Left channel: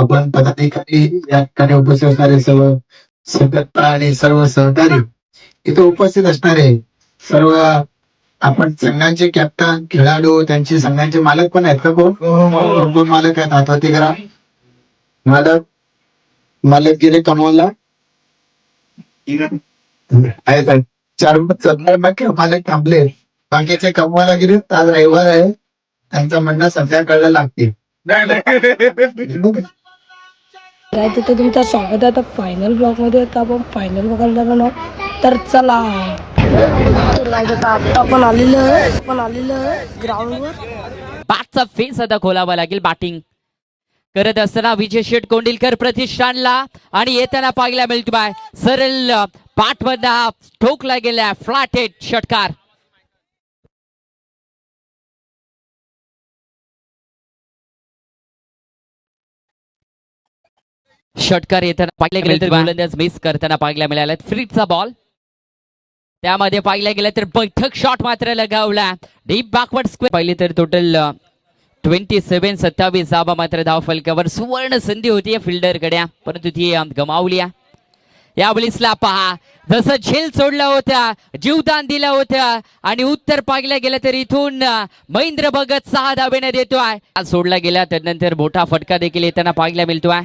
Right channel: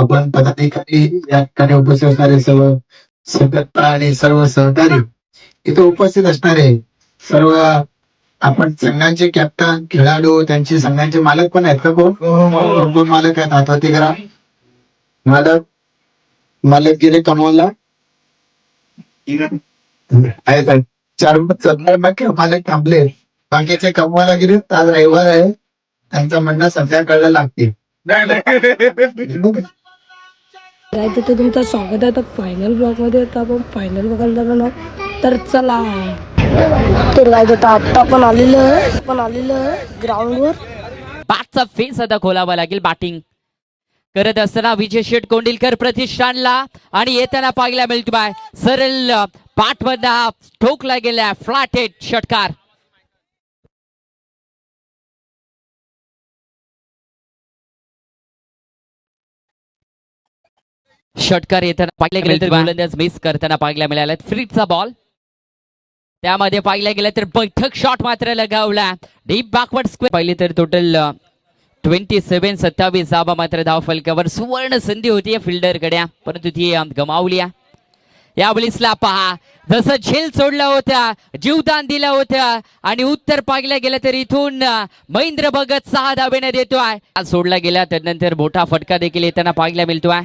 आपण पदाधिकारी या ठिकाणी उपस्थित असणारे सर्व सदस्य आणि सर्व सहकारी इथे उपस्थित असणारे सर्व आपण संघाचे कॅप्टन खेळाडू त्यांचे संघाचे मालक पण आहेत का? कोण मालक आहेत? हातवरती करा. मालक मालक गेले कमवायला आहेत. चार मालक थांबले, बाकीचे कमवायला गेले. आज रविवार आहे, त्यांचं म्हणणं संध्याकाळला लागतील. तर तुमचं स्वागत आहे आता फायनल ब्लॉग मध्ये. आता आपण फायनल बघायला जाणार आहोत, तर चला. तर आता आपण आलेलो आहे ग्राउंडवर. बॅटचा फेस आता खोलावा लागेल. बॅटिंग करत असताना विजय शेठ कोंडिलकर प्रतिष्ठानला आणि येताना पाहायला मिळतो बाय सरळ बॅट मधला ठोकला गेला फ्लॅट हेड षटकार. षटकार येताना पाहिलं गेलं तर गोलंदाज मिस करताना पाहायला मिळाला. फ्रीटचा बॉल त्यामध्ये पाहिलं गेलं तर बैठक शॉट मात्र लगावला डीप बॅकवर्ड स्क्वेअर. पाहिले तर टोटल 27-27 धावा मात्र धाव फलकावर. सुवर्ण संधी होती फिल्डर कडे, परंतु ती गमावली. या बॉलिंगला पहा जसं झेल सोडला होता, जीवदान दिलं होतं आणि उत्तर पाहिलं गेलं तर इथून महेंद्र भगत 6 धावेने देतोय. सोडला गेला त्यानंतर मोठा फटका देखील येताना पाहायला मिळतोय.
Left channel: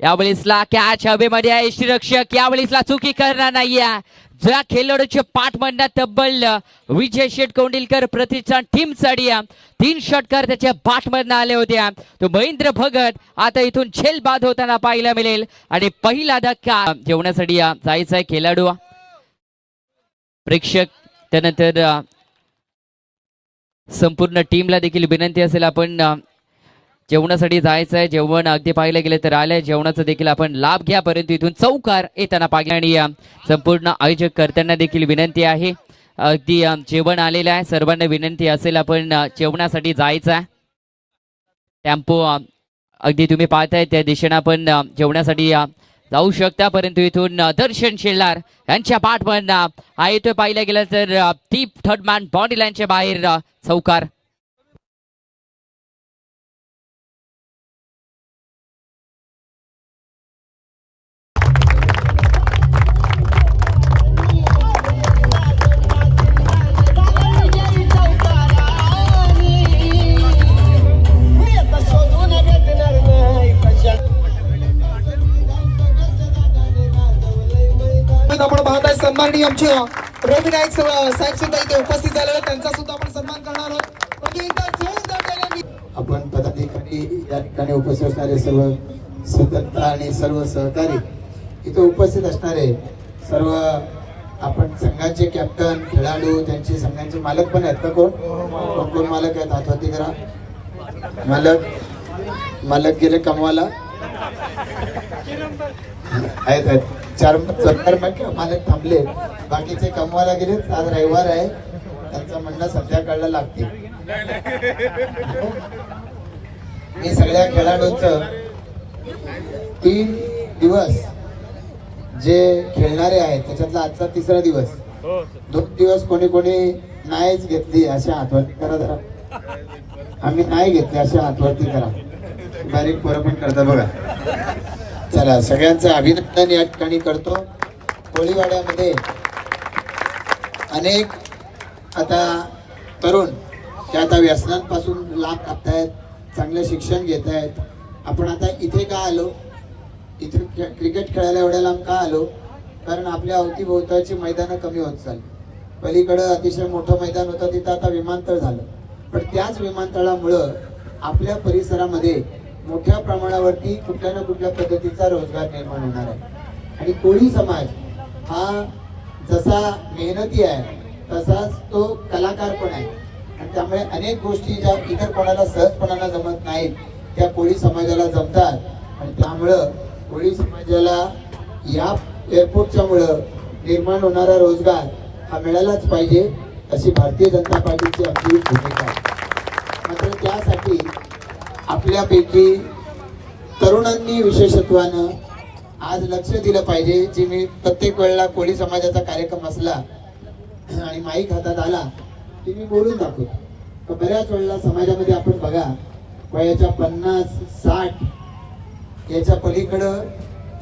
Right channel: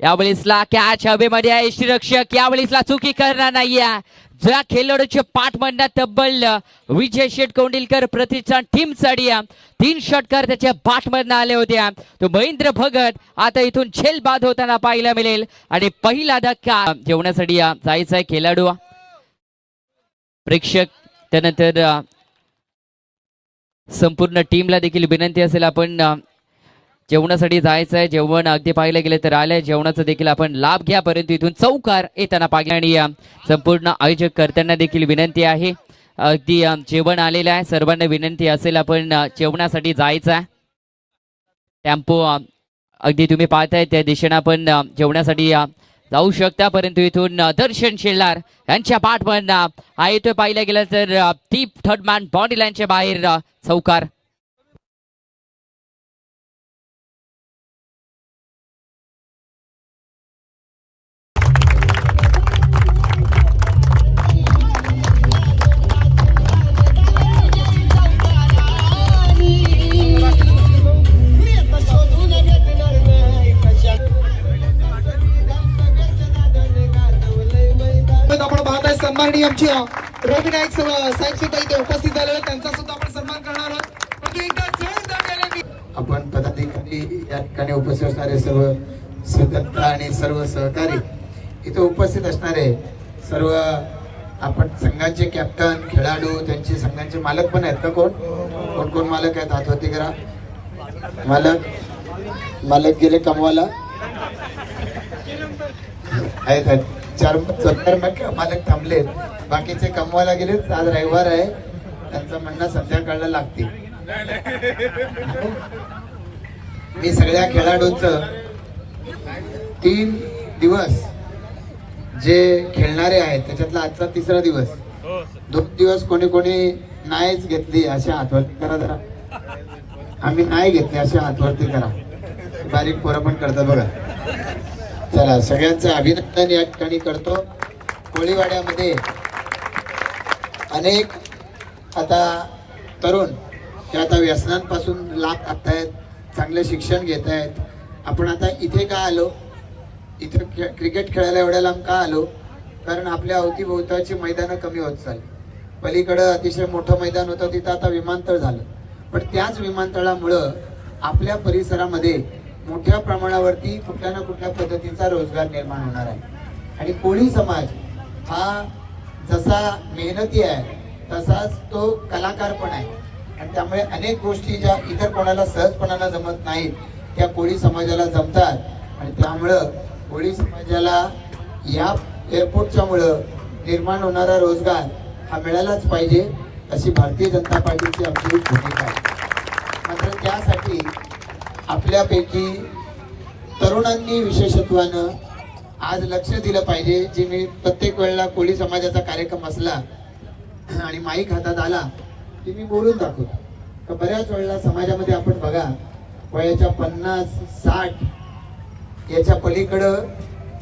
या बॉलिंगला कॅच हवेमध्ये आहे. यष्टीरक्षक या बॉलिंगला चुकी करणार नाहीये. ज्या खेळाडूच्या पाठ मधला तब्बल विजय शेठ कोंडिलकर प्रतिष्ठान टीम साठी 3 षटकार त्याच्या पाठ मधनं आले होते. तो महेंद्र भगत आता इथून झेल बाद होताना पाहायला मिळेल आणि पहिला धक्का जेवणासाठी जायचा आहे खेळाडू. प्रेक्षक त्यानंतर संपूर्ण टीमला देखील विनंती असेल आपण जेवणासाठी जायचं आहे. जेवण अगदी पाहिलं गेलं तर आलंय, जेवणाचा देखील आपण लाभ घ्या. परंतु इथून चौकार येताना पाहिजे आणि संपूर्ण आयोजक करताना देखील विनंती आहे. अगदी जेवण आलेलं आहे, सर्वांना विनंती असेल आपण जेवणासाठी जायचं आहे. टेम्पो अगदी तुम्ही पाहताय त्या दिशेनं आपण जेवणासाठी जाऊ शकता. परंतु इथून दर्शन शेलार यांच्या पाठमधनं येतोय पाहिलं गेलं तर टीप थर्ड मॅन बॉन्डी लाईनच्या बाहेर चौकार. आपण पाहताय सन्माननीय आमचे रवी नाईक साहेब सुद्धा इथे उपस्थित झालेले, त्यांचा सुद्धा आपण सन्मान करणार आहोत. आपण पदाधिकारी या ठिकाणी उपस्थित असणारे सर्व सदस्य आणि सर्व सहकारी इथे उपस्थित असणारे सर्व आपण संघाचे कॅप्टन खेळाडू त्यांचे संघाचे मालक पण आहेत का? कोण मालक आहेत? हातवरती करा. मालक गेले कमवायला आहेत. चार मालक थांबले, बाकीचे कमवायला गेले. आज रविवार आहे, त्यांचं म्हणणं संध्याकाळला लागतील. मी सगळ्या खेळाडूंचं 3 दिवस जे खेळणारे आहेत त्याच्यातला आजचा 3रा दिवस. 2 दिवस कोणी नाहीच घेतली अशा हातवरती करा जरा. आम्ही नाही घेतली अशा हातवरती करा. बारीक पोरं पण करता बघा. चला, सगळ्यांचं अभिनंदन या ठिकाणी करतो. कोळीवाड्यामध्ये अनेक आता तरुण ते आता व्यसनांपासून लाभ घेतायत, चांगलं शिक्षण घेत आहेत. आपण आता इथे का आलो? इथे क्रिकेट खेळायला एवढ्या लांब का आलो? कारण आपल्या अवतीभोवताची मैदानं कमी होत चालली. पलीकडं अतिशय मोठं मैदान होतं, तिथं आता विमानतळ झालं. पण त्याच विमानतळामुळं आपल्या परिसरामध्ये मोठ्या प्रमाणावरती कुठल्या ना कुठल्या पद्धतीचा रोजगार निर्माण होणार आहे. आणि कोळी समाज हा जसा मेहनती आहे तसाच तो कलाकार पण आहे. आणि त्यामुळे अनेक गोष्टी ज्या इतर कोणाला सहजपणाला जमत नाहीत त्या कोळी समाजाला जमतात. आणि त्यामुळं कोळी समाजाला या एअरपोर्टच्या मुळे निर्माण होणारा रोजगार हा मिळालाच पाहिजे अशी भारतीय जनता पार्टीची आपली भूमिका आहे. मात्र त्यासाठी आपल्यापैकी तरुणांनी विशेषत्वानं आज लक्ष दिलं पाहिजे. जी मी प्रत्येक वेळेला कोळी समाजाचा कार्यक्रम असला आणि माईक हातात आला की मी बोलून दाखवतो. तर बऱ्याच वेळेला समाजामध्ये आपण बघा वयाच्या 50-60 याच्या पलीकडं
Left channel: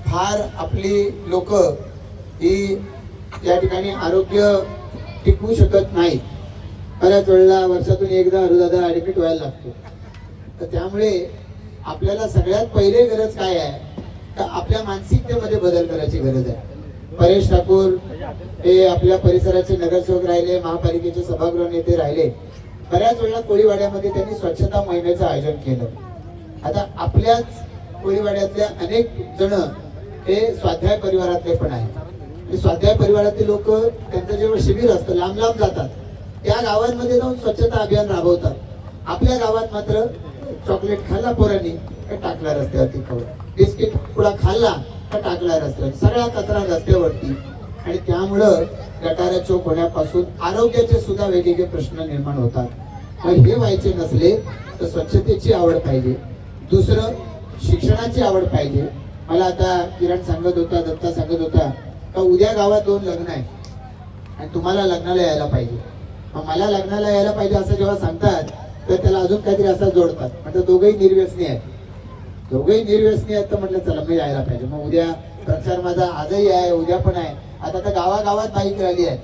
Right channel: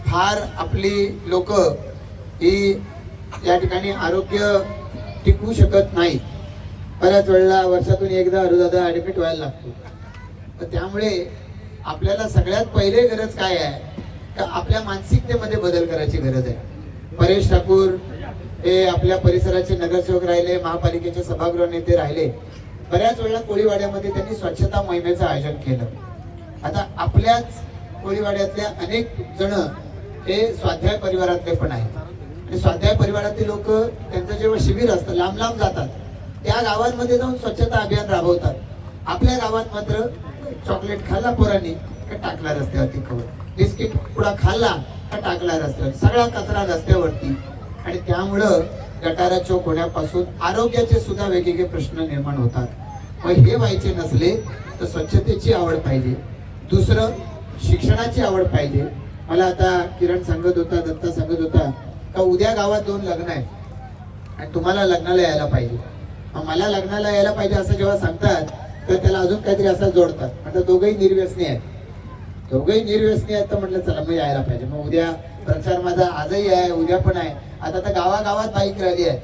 फार आपली लोक ही या ठिकाणी आरोग्य टिकवू शकत नाही. बऱ्याच वेळेला वर्षातून एकदा हृदय ऍडमिट व्हायला लागतो. तर त्यामुळे आपल्याला सगळ्यात पहिले गरज काय आहे तर आपल्या मानसिकतेमध्ये बदल करायची गरज आहे. परेश ठाकूर हे आपल्या परिसराचे नगरसेवक राहिले, महापालिकेचे सभागृह नेते राहिले. बऱ्याच वेळा कोळीवाड्यामध्ये त्यांनी स्वच्छता मोहिमेचं आयोजन केलं. आता आपल्याच कोळीवाड्यातल्या अनेक जण हे स्वाध्याय परिवारातले पण आहेत. आणि स्वाध्याय परिवारातील लोक त्यांचं जेव्हा शिबिर असतं लांब लांब जातात, त्या गावांमध्ये जाऊन स्वच्छता अभियान राबवतात. आपल्या गावात मात्र चॉकलेट खाल्ला पोरांनी का टाकला रस्त्यावरती खाऊ, बिस्किट पुडा खाल्ला का टाकला रस्त्यावर, सगळा कचरा रस्त्यावरती. आणि त्यामुळं गटारा चौक होण्यापासून आरोग्याचे सुद्धा वेगवेगळे प्रश्न निर्माण होतात. मग हे व्हायचे नसले तर स्वच्छतेची आवड पाहिजे. दुसरं शिक्षणाची आवड पाहिजे. मला आता किरण सांगत होता, दत्ता सांगत होता का उद्या गावात 2 लग्न आहे आणि तुम्हाला लग्नाला यायला पाहिजे. मग मला लग्नाला यायला पाहिजे असं जेव्हा सांगतात तर त्याला अजून काहीतरी असं जोडतात. म्हटलं दोघंही निर्व्यसनी आहेत. दोघंही निर्व्यसनी आहेत तर म्हटलं चला मग यायला पाहिजे. मग उद्या प्रचार माझा आजही आहे, उद्या पण आहे. आता तर गावागावात बाईक राहिली आहे,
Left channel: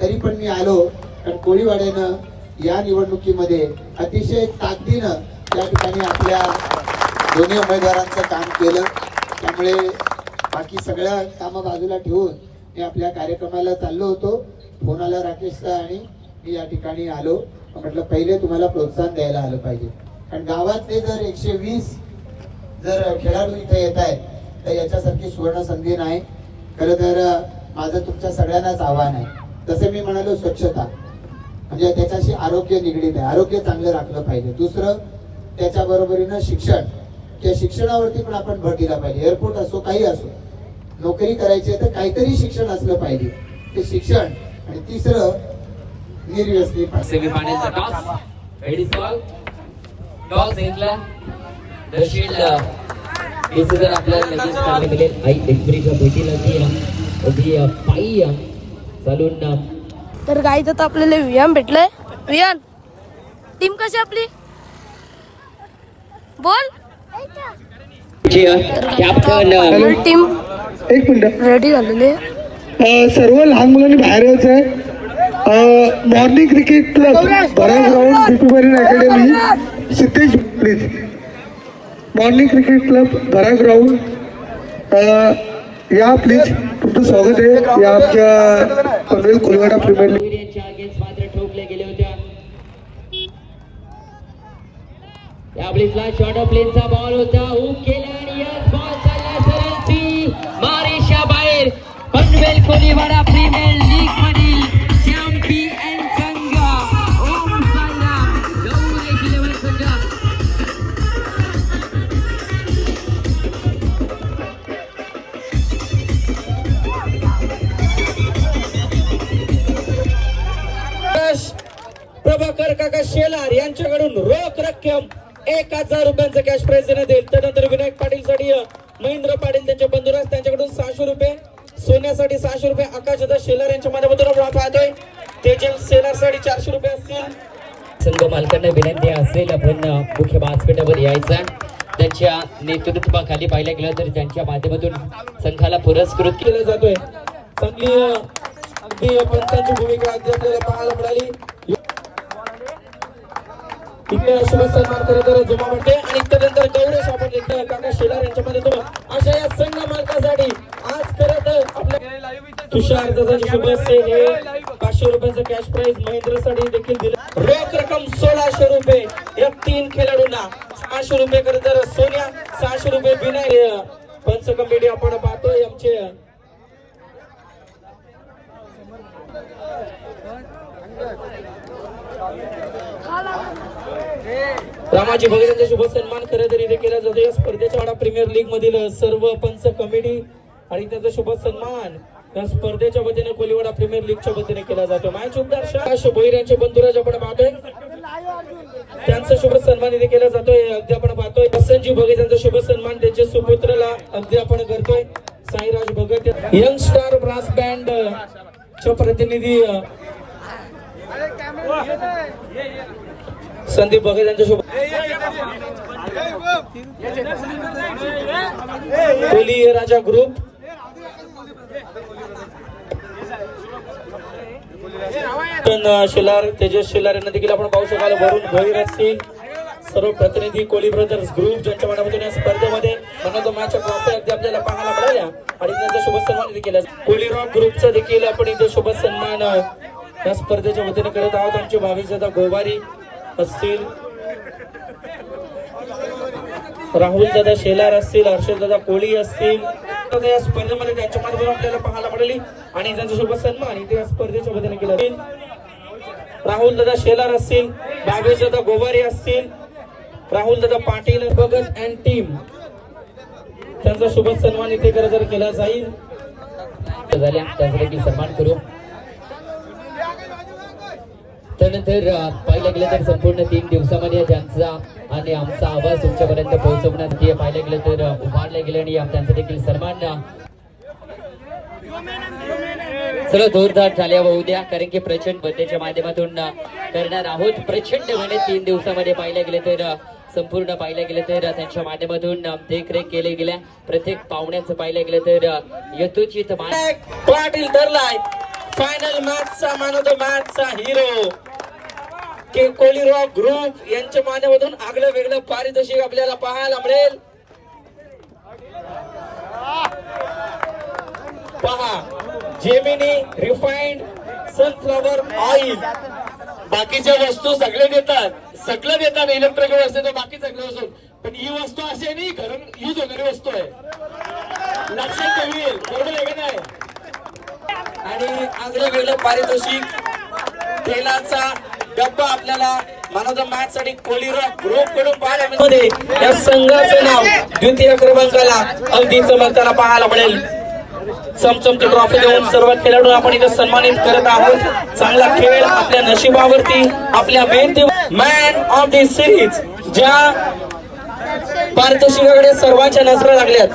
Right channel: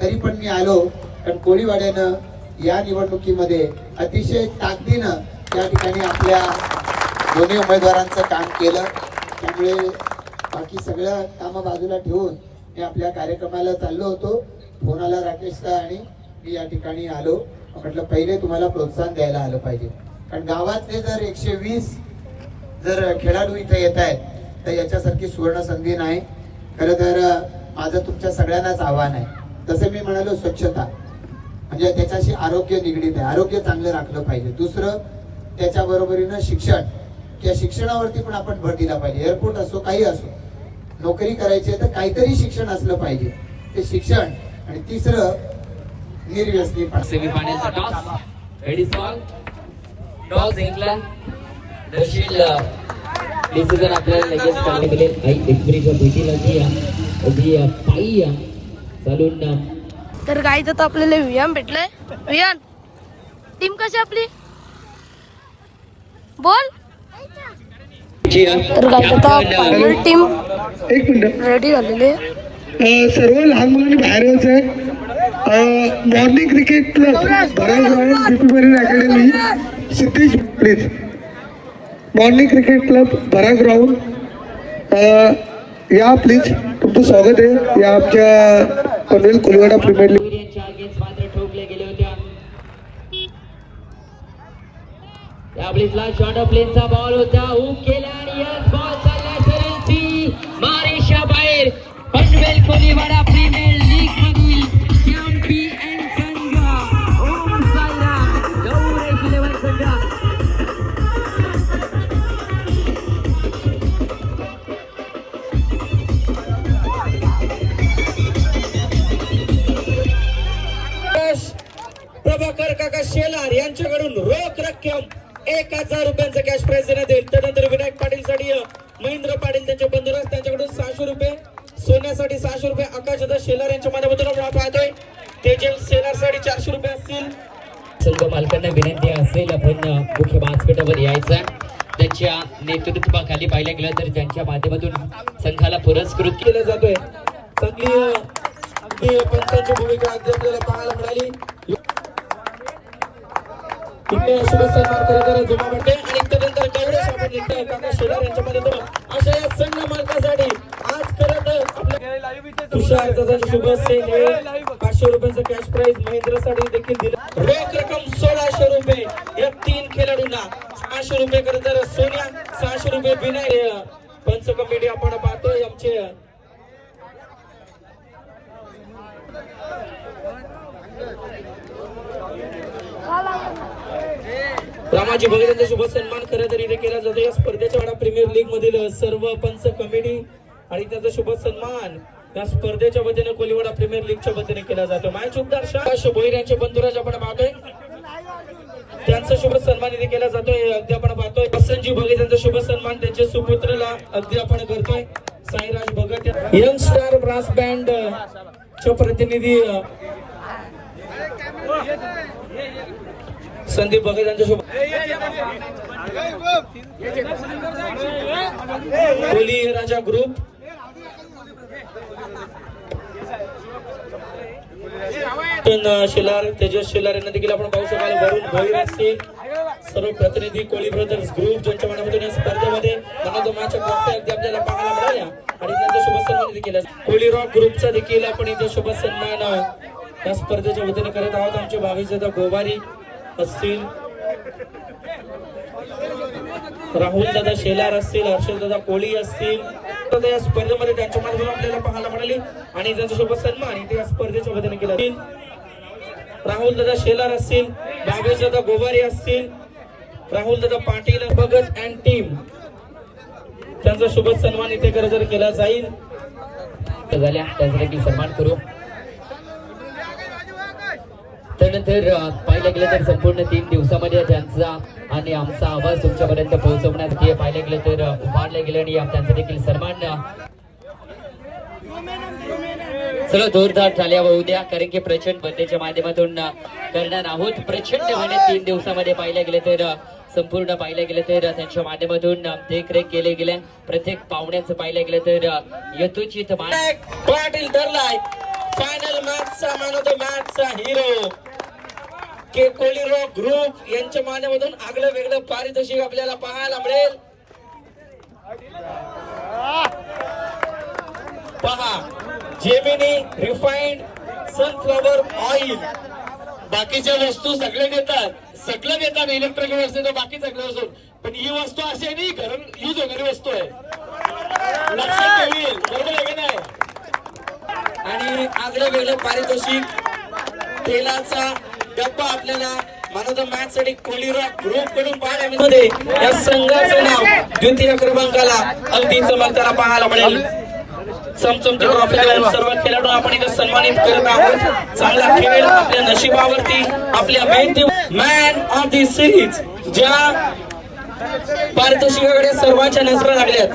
तरी पण मी आलो कारण कोळीवाड्यानं या निवडणुकीमध्ये अतिशय ताकदीनं त्या ठिकाणी आपल्या दोन्ही उमेदवारांचं काम केलं. त्यामुळे बाकी सगळ्या कामं बाजूला ठेवून मी आपल्या कार्यक्रमाला चाललो होतो. फोन आला राकेशचा आणि मी या ठिकाणी आलो. म्हटलं पहिले तुम्हाला प्रोत्साहन द्यायला आलं पाहिजे, कारण गावातले जर 120 जर खेळाडू इथे येत आहेत तर याच्यासारखी सुवर्ण संधी नाही. खरं तर माझं तुमच्या सगळ्यांनाच आव्हान आहे. जसं मी म्हणालो स्वच्छता म्हणजे त्याच्याशी आरोग्य निगडीत आहे. आरोग्य चांगलं राखलं पाहिजे. दुसरं त्याच्या बरोबरीनं शिक्षण, त्या शिक्षणावरती पण आपण भर दिला पाहिजे. एअरपोर्ट असो काही असो, नोकरी करायची तर काहीतरी शिक्षण असलं पाहिजे, ते शिक्षण. आणि तिसरं निर्व्यसनी सेमीफायनलचा टॉस रेडी सॉल टॉस जिंकला दर्शील डिसिजन आपल्याला लगेच काढले गेले. आई एकबरीच्या भेटीला ती पायी चालून तर गाईज आता आपल्याला वियान भेटलंय. वियान टीम कशी आपली बोल. तर गाईज आता फायनल टीम एक मिनिट, रेडी झालेली आहे. सर्व लहान मुलांनी बाहेर यायचं आहे. मॉर्निंग क्रिकेट क्लब भराव ground DP marine academy Siddhesh please. Morning cricket club भराव ग्राउंड या प्लीज. तुमचं स्वागत आहे या आमच्या पनवेल कोळीवाडा प्रीमियर लीग. मात्र ठोकले गेले होत्या. शॉर्ट प्लेनचा बॉल होता, हुक केला आणि यस बॉल चालला सरळची मारेशा बाहेर. पनवेल कोळीवाडा प्रीमियर लीग मधील चॅम्पियन संघ ओम साईराम गौरेश 11 संघ. प्रभाकर काका शेलार यांच्याकडून रोख रक्कम 1000 रुपयांचं कॅश प्राइज देण्यात येईल. त्यानंतर विनायक पाटील साठी महेंद्र पाटील त्यांचे बंधुराज त्यांच्याकडून 600 रुपये, सोन्यासाठी 600 रुपये, आकाशदास शेलार यांच्या माध्यमातून आपण पाहतोय. तेजल शेलार साठी 400 रुपये असतील. संघ मालकांना विनंती असेल आपण मुख्य व्यासपीठावर यायचा. त्यांच्या नेतृत्वाखाली पाहिलं गेलं तर त्यांच्या माध्यमातून संघाला पुरस्कृत केला जातोय. चांगली अगदी पंचांची भूमिका अगदी आपल्याला पाहायला मिळाली. इकडे शुभसन्मान करणारा जमा वाटते आणि त्यानंतर गौरव आपण इकडे काका शेलार यांच्या मदतीने अशा या संघ मालकासाठी आज करत आपल्या तुषार दादाचे शुभ सेल हे 500 रुपयांचं कॅश प्राइज महेंद्रसाठी देखील दिलं. रोख रक्कम 1600 रुपये या 3 खेळाडूंना. 600 रुपये करत सोन्या, 600 रुपये विनय. पंच कमिटी आपण पाहतोय आमचे रामाजी भोगे यांचा शुभ सन्मान खरं तर इथे केला जातो. या स्पर्धेच्या वाडा प्रीमियर लीग मधील सर्व पंच कमिटी आणि त्याचा शुभ सन्मान या स्पर्धेच्या वतीने कोळीवाडा प्रीमियर लीगच्या वतीने केला जातो. मॅच उपदार शाह भोईर यांचे बंधुराज आपण पाहतोय, त्यांचा शुभ सन्मान इथे केला जातोय. अगदी आपण पाहतोय वसंतजी भोगे यांचा शुभ सन्मान त्यांच्या सुपुत्राला अगदी आपण करतोय. Sairaj Bhagat young star brass band चे प्रतिनिधी संदीप बघे यांच्यासोबत कोहली राजा ग्रुप शेलार तेजस शेलार यांना देखील आपण पाहू शकाल. वरुण भोईर असतील सर्व प्रतिनिधी कोहली ब्रदर्स ग्रुप ज्यांच्या माध्यमातून या स्पर्धेमध्ये मॅच ऑफ ट्रॉफी अगदी आपल्याला पाहायला मिळाल्या आणि त्यांचा शुभ सन्मान देखील कोहली रॉक ग्रुपचा देखील आपण इथे शुभ सन्मान या स्पर्धेच्या वतीने करत आहोत. आमचे भावी दादा गोवारी असतील, राहुल दादा शेलार असतील, हर्षद दादा कोहली असतील. या स्पर्धेमध्ये त्यांच्या माध्यमातून आपल्याला पाहायला मिळाली आणि त्यांचा शुभ सन्मान इथे या स्पर्धेच्या वतीने केला. राहुल दादा शेलार असतील, भावेश दादा गोवारी असतील, राहुल दादा पाटील भगत अँड टीम त्यांचा शुभ सन्मान इथे केला जाईल. त्यांचा देखील सन्मान करू. त्यानंतर पाहिलं गेलं तर संपूर्ण 3 दिवसामध्ये त्यांचा आणि आमचा आवाज तुमच्यापर्यंत पोहोचवण्यासाठी पाहिलं गेलं तर उभारले गेले आणि त्यांचा देखील सन्मान सर्व जोरदार झाल्या होऊ द्या, कारण की प्रचंड बद्दच्या माध्यमातून करणार आहोत. प्रचंड म्हणे 3 दिवसामध्ये पाहिलं गेलं तर संपूर्ण पाहिलं गेलं तर त्यांच्या माध्यमातून देखरेख केले गेल्या. प्रत्येक पाहुण्यांचं पाहिलं गेलं तर यथोचित पाटील धरलाय फायनल मॅचचा मॅन ऑफ द मॅचचा हिरो कोहली रॉक ग्रुप यांच्या माध्यमातून आगळं वेगळं पारितोषिक आपल्याला पाहायला मिळेल. पहा जेमिनी रिफाइंड सनफ्लॉवर ऑइल. बाकीच्या वस्तू सगळे देतात इलेक्ट्रिकल असते तर बाकी सगळ्या वस्तू, पण ही वस्तू अशी आहे नाही घरून यूज होणारी वस्तू आहे, लक्षात ठेवी. बरोबर आहे की नाही? आणि आगळं वेगळं पारितोषिक तेलाचा डब्बा आपल्याला मॅन मॅच साठी कोहली रॉक ग्रुप कडून पाहायला मिळते. या संघाचं नाव द्वितीय क्रमांकाला अगदी चमकताना पाहायला मिळेल. चमचमची ट्रॉफी देऊन सर्व खेळाडू आपण इथे सन्मानित करत आहोत. चांगला खेळ आपल्या नशिबावरती आपल्या मेहनती मॅन ऑफ द सिरीज ज्या पारितोषिकाकडे सर्वांच्या नजरा लागल्यात.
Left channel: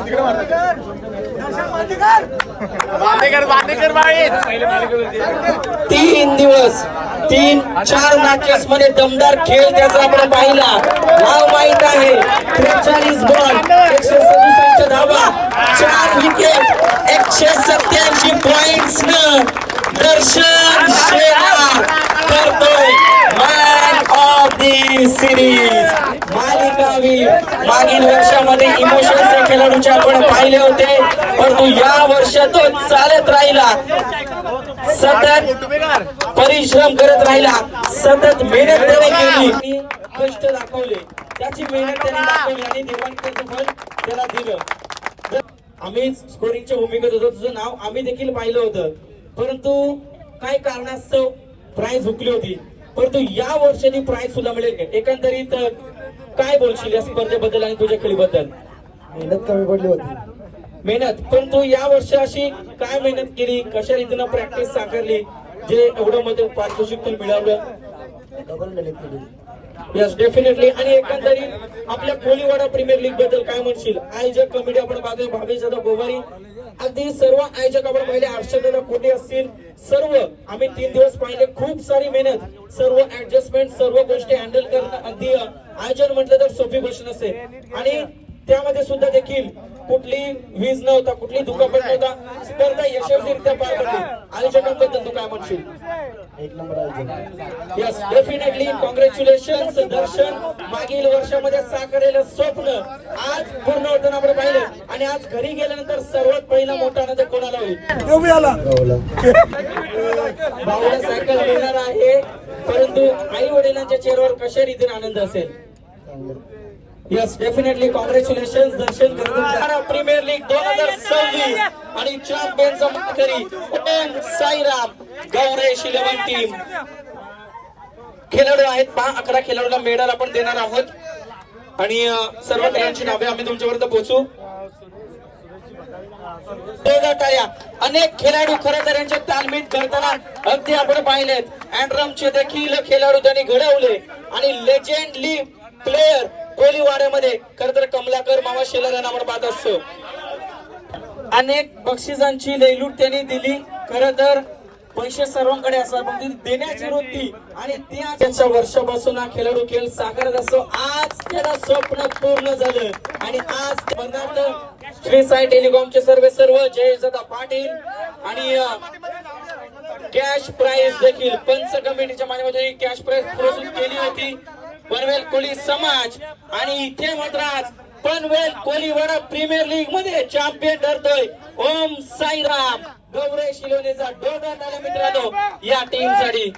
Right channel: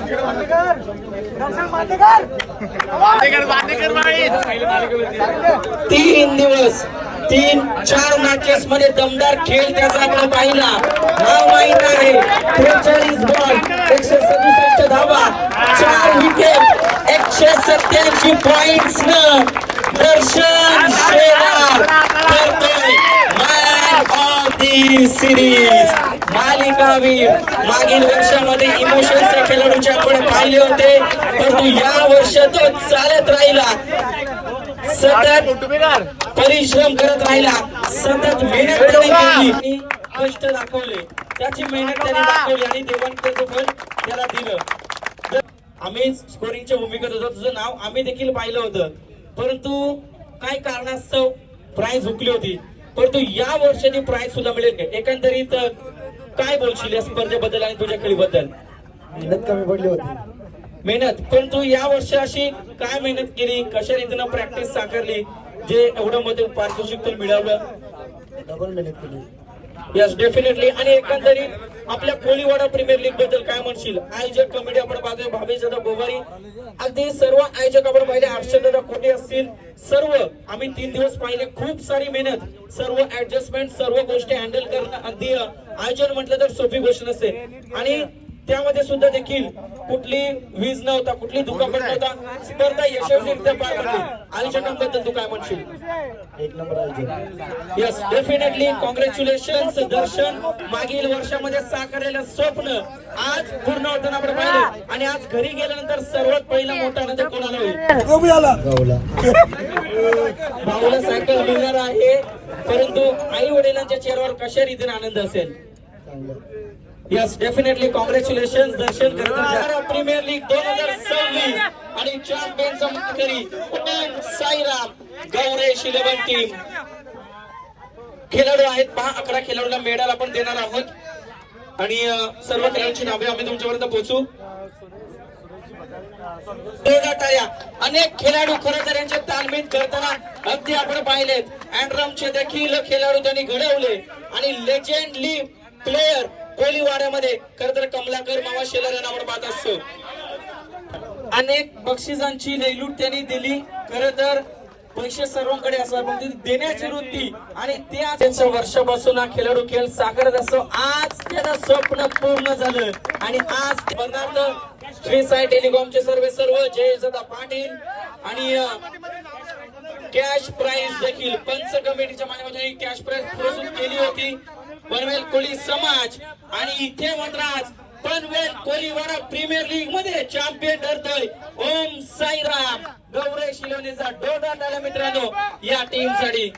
3 दिवस 3-4 मॅचेस मध्ये दमदार खेळ त्याचा आपण पाहिला. नाव माहित आहे 43 बॉल 167 धावा 4 विकेट 187 पॉइंट्स न दर्शन शेलार करतोय मॅन ऑफ द सिरीज. मागील वर्षामध्ये इमोशन्सच्या खेळाडूचे आपण पाहिले होते, परंतु या वर्षात तो चालत राहिला, सतत परिश्रम करत राहिला, सतत मेहनत त्याने केली, कष्ट दाखवले, त्याची मेहनत त्याने दाखवली आणि देवाने त्याचं फळ त्याला दिलं. आम्ही स्कोरिंगच्या भूमिकेत होतो, तुझं नाव आम्ही देखील पाहिलं होतं, परंतु काही कारणास्तव प्राइज हुकली होती. परंतु या वर्षाची प्राइज सुद्धा मिळेल. एकंदरीत काय बोलशील या स्पर्धेबद्दल आणि तुझ्या खेळीबद्दल? मेहनत कमी पडली होती. मेहनत, परंतु या वर्षी अशी काय मेहनत केली, कशा रीतीनं प्रॅक्टिस साकारली जे एवढं मध्ये पारितोषिक मिळालं? डबल मेहनत केली. Yes definitely. आणि एकंदरीत आपल्या कोहलीवाडा प्रीमियर लीग बद्दल काय म्हणशील? आयोजक कमिटी आपण पाहतोय भावेश दादा गोवारी, अगदी सर्व आयोजक आपण पाहिले, हर्षद दादा कोटे असतील, सर्व आम्ही 3 दिवस पाहिले. खूप सारी मेहनत, सर्व ऍडजस्टमेंट, सर्व गोष्टी हँडल करणं अगदी आयोजन म्हटलं तर सोपी गोष्ट नसते. आणि त्यामध्ये सुद्धा देखील कुठली वीज नव्हता, कुठली दुखापत नव्हता, स्पर्धा यशस्वीरित्या पार पडली. आयोजकांबद्दल तू काय म्हणशील? एक नंबर आयोजक. यस डेफिनेटली कॉंग्रॅच्युलेशन दर्शन. मागील वर्षामध्ये साकारलेलं स्वप्न आज पूर्ण होताना आपण पाहिलं आणि आज घरी गेल्यानंतर सर्वात पहिला मोठा आनंद कोणाला होईल? भाऊला सायकल मिळणार आहे, परंतु आई वडिलांच्या चेहऱ्यावर कशा रीतीने आनंद असेल? यस डेफिनेटली कॉंग्रॅच्युलेशन दर्शन करतात. प्रीमियर लीग 2026 आणि चॅम्पियनचा मानकरी ओम साईराम गौरेश 11 टीम खेळाडू आहेत. 11 खेळाडूंना मेडल आपण देणार आहोत आणि सर्व खेळाडूंची नावे आम्ही तुमच्यापर्यंत पोहोचू. अनेक खेळाडू खरं तर यांचे तालमीत करताना अगदी आपण पाहिलेत. अँड्रमचे देखील खेळाडू त्यांनी घडवले आणि लेजेंडली प्लेयर कोहलीवाड्यामध्ये खरं तर कमलाकर मामा शेलार यांना आपण पाहत असतो. अनेक बक्षिसांची लयलूट त्यांनी दिली. खरं तर पैसे सर्वांकडे असतात पण ती देण्याची वृत्ती आणि त्याच्या वर्षापासून हा खेळाडू खेळ साकारत असतो. आज त्याचं स्वप्न पूर्ण झालं आणि आज स्पर्धार्थ श्री साई टेलिकॉमचे सर्व जयदादा पाटील आणि कॅश प्राइज देखील पंच कमिटीच्या माध्यमातून कॅश प्राइज घोषित केली होती. पनवेल कोळी समाज आणि इथे मात्र आज पनवेल कोळीवाडा प्रीमियर लीग मध्ये चॅम्पियन ठरतोय ओम साईराम गौरव शिलोनेचा डोदा मित्रांनो या टीम साठी.